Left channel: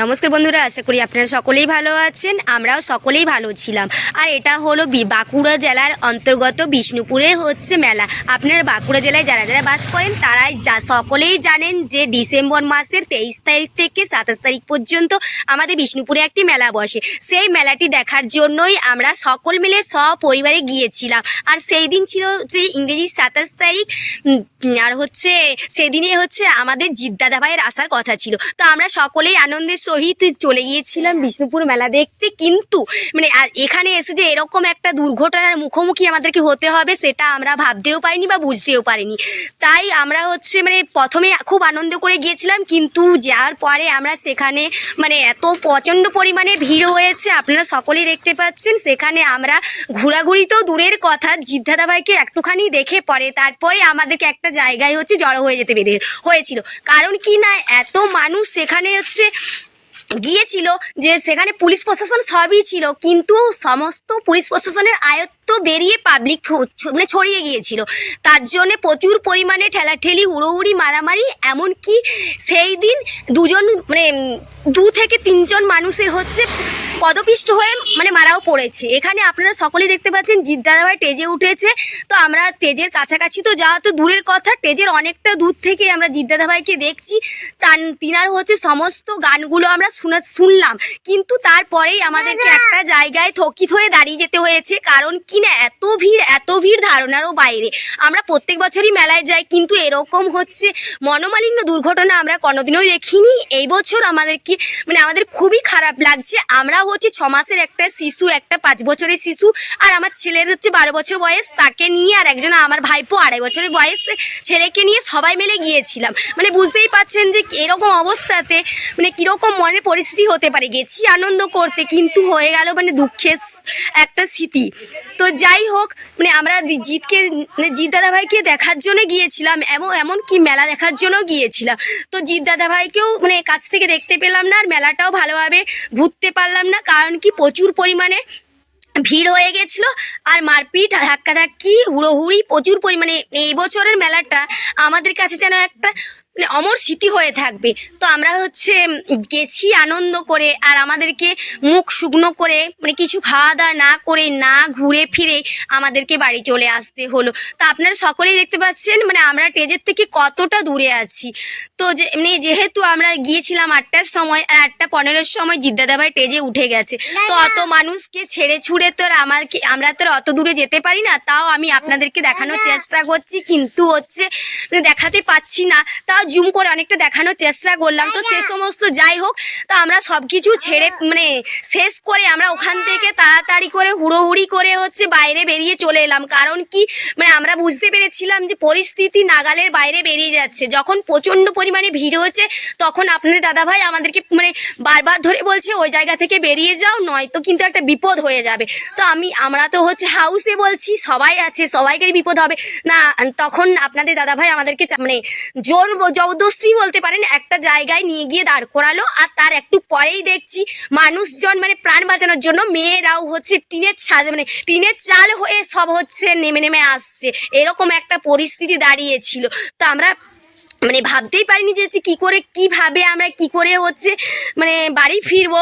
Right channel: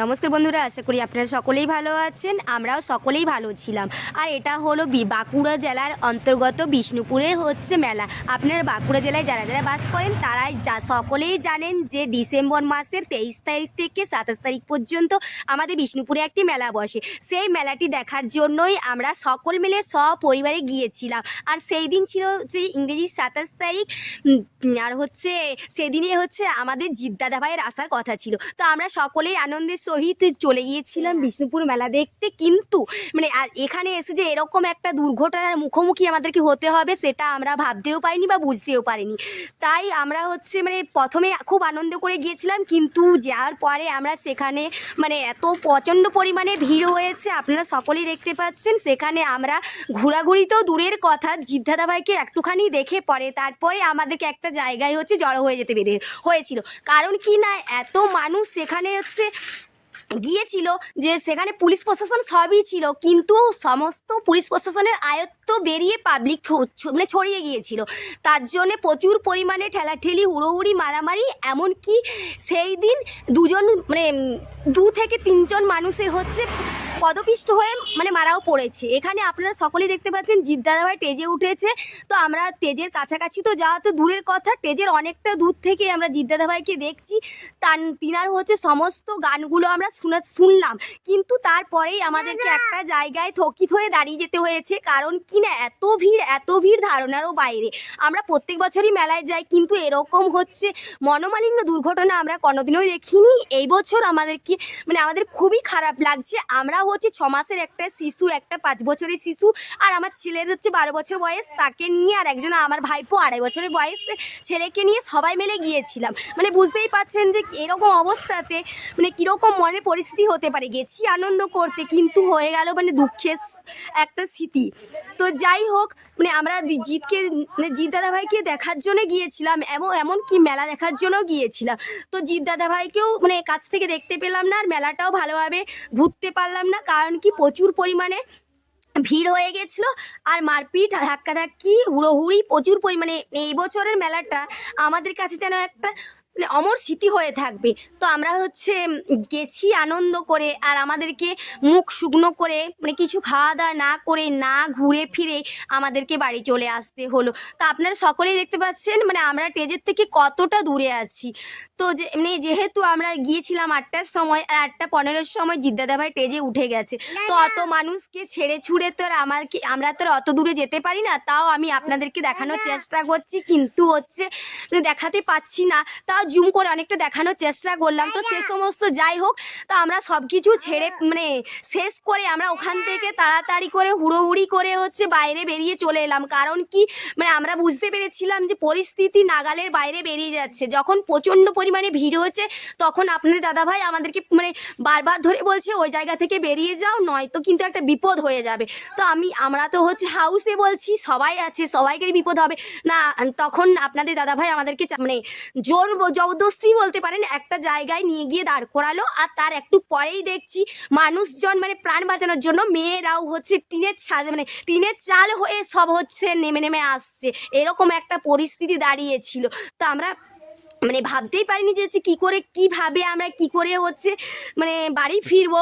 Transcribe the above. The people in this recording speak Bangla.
নমস্কার বন্ধুরা, আশা করি আপনারা সকলেই ভালো আছেন। আমরাও সকলেই ভালো ছিলাম। আর এটা হলো বাঁকুড়া জেলার অন্তর্গত বিষ্ণুপুরে হচ্ছে মেলা। আপনারা বাঁকুড়া জেলায় যারা যারা বাস করেন তারাই সকলেই জানেন যে ডিসেম্বর মাসের 23 তারিখ থেকে 27 তারিখ পর্যন্ত আমাদের বিষ্ণুপুরে একটি মেলা বসে। সেই মেলাটি দেখার জন্যই আমরা সকল মিলে সপরিবারে গিয়েছিলাম। আর সেই দিন ছিল যে ইংরেজি 27 তারিখ, আর হচ্ছে সেদিনে হচ্ছে আমাদের জিৎ দাদা ভাইয়ের আসার কথা ছিল। তো আমরা সকলেই আনন্দের সহিত চলে গিয়েছিলাম বিষ্ণুপুর মেলা দেখতে। কিন্তু এখানে এসে যে এরকম একটা দুর্ঘটনার মুখোমুখি আমাদেরকে হতে হবে সেটা আমরা ভাবতেও পারিনি বা বুঝতেও পারিনি। তাই আমরা হচ্ছে প্রথমে খুব আনন্দ করে গিয়েছিলাম, কিন্তু যাওয়ার পরে আমরা সেখানে এত প্রচণ্ড পরিমাণে ভিড় হয়েছে, আপনারা সকলেই দেখতে পাচ্ছেন। সেখানে আমরা ঘোরাঘুরি তো দূরের কথা, জিৎ দাদা ভাইকে একটুখানি দেখে পরে তারপরে আমাদেরকে একটা জায়গায় হচ্ছে জড়ো হয়ে যেতে হয়েছিল। কারণ কি না, এত মানুষ সেখানে হচ্ছে গিয়েছিল যে সেখানে পুলিশ প্রশাসন সবই ছিল, কিন্তু সমস্ত পুলিশ প্রশাসনের আয়ত্ত বেরিয়ে পাবলিক ছড়িয়ে গিয়েছিল। তার জন্য প্রচুর পরিমাণে ঠেলাঠেলি, হুড়োহুড়ি, মারামারি, এমনকি সেই দিন 2 থেকে 3 জন মানুষের হচ্ছে পদপিষ্ট হয়ে মারাও পড়েছে। এখানে আপনারা সকলেই দেখতে পাচ্ছেন জিৎ দাদাভাই স্টেজে উঠেছে। তো আমরা স্টেজের কাছাকাছি তো যাওয়া তো দূরের কথা, স্টেজের অনেকটা দূর থেকে আমরা জিৎ দাদাভাইকে দেখছি। তিনার হচ্ছে সমস্ত গানগুলো আমরা শুনলাম, কিন্তু তারপরেই আমাদেরকে একটা জায়গায় থকিত হয়ে দাঁড়িয়ে যেতে হয়েছে। কারণ কি না, এত ভিড় ধারণারও বাইরে। আমরা প্রত্যেক বছরই মেলায় যাই, কিন্তু এরকম হচ্ছে মনোমালিন্য দুর্ঘটনা আমরা কোনোদিনও দেখিনি। এই বছর আমাদেরকে আমাদের খুবই খারাপ লাগছে। আমরা হচ্ছে 6 মাসের একটা শিশু, একটা 5 বছরের শিশু, আর আমার ছেলের হচ্ছে 12 বছর বয়স, তাকে নিয়ে, আর একজন আমার ভাইপো 2.5 বছরের বয়স ছেলেকে নিয়ে সবাই মিলে গিয়েছিলাম। বুঝতেই পাচ্ছেন যে এরকম অবস্থাতে কীরকম মনের পরিস্থিতি হতে পারে। গেছি আনন্দ করতে, কিন্তু হয়ে গেল দুঃখের একটা স্মৃতি। তো যাই হোক, আমরা জিৎ দাদাভাইকে দেখার জন্য গিয়েছিলাম, এমনকি মেলা দেখার জন্য গিয়েছিলাম। তো জিৎ দাদাভাইকেও কাছ থেকে দেখতে পেলাম না, আর মেলাটাও ভালোভাবে ঘুরতে পারলাম না। কারণ কি, প্রচুর পরিমাণে ভিড় হয়ে গেছিলো, আর মারপিট, ধাক্কাধাক্কি, হুড়োহুড়ি প্রচুর পরিমাণে। এই বছরের মেলাটা আমাদের কাছে যেন একটা অমর স্মৃতি হয়ে থাকবে। তো আমরা হচ্ছে গেছি আনন্দ করে, আর আমাদেরকে মুখ শুকনো করে কিছু খাওয়া দাওয়া না করে, না ঘুরে ফিরে আমাদেরকে বাড়ি চলে আসতে হলো। তো আপনারা সকলেই দেখতে পাচ্ছেন আমরা স্টেজের থেকে কতটা দূরে আছি। তো যেহেতু আমরা গিয়েছিলাম 8টার সময়, আর 8:15-র সময় জিৎ দাদাভাই স্টেজে উঠে গেছে। তো অত মানুষকে ছেড়ে ছুড়ে তো আমরা তো অত দূরে যেতে পারি না। তাও আমি আপনাদেরকে দেখানোর চেষ্টা করছি, কিন্তু হচ্ছে দেখাতে পাচ্ছি না। তাও জুম করে অনেকটা দেখানোর চেষ্টা করলাম। তো সে সমস্ত যাই হোক, তো আমরা সব কিছু ছেড়ে শেষ করে আমরা ওখান থেকে তাড়াতাড়ি করে হুড়োহুড়ি করে হচ্ছে বাইরে বেরিয়ে চলে এলাম। কারণ কি, আমরা বুঝতে পেরেছিলাম যে পরিস্থিতি নাগালের বাইরে বেরিয়ে যাচ্ছে। যখন প্রচণ্ড পরিমাণে ভিড় হচ্ছে, তখন আপনাদের দাদাভাই আমাদেরকে বারবার ধরে বলছে ওই জায়গা থেকে বেরিয়ে যাও, নয়তো কিন্তু একটা বিপদ হয়ে যাবে। তো আমরা তো হচ্ছে হাউসে বলছি, সবাই আছে, সবাইকারই বিপদ হবে না। তখন আপনাদের দাদাভাই আমাদেরকে জোর জবরদস্তি বলতে পারেন একটা জায়গায় নিয়ে গিয়ে দাঁড় করালো। আর তার একটু পরেই দেখছি মানুষজন প্রাণ বাঁচানোর জন্য মেয়েরাও হচ্ছে টিনের চাল হয়ে সব হচ্ছে নেমে আসছে। এরকম একটা পরিস্থিতি দাঁড়িয়েছিল। তো আমরা ভাবতেই পারিনি যে হচ্ছে কিভাবে আমরা কি করে হচ্ছে বাড়ি ফিরবো।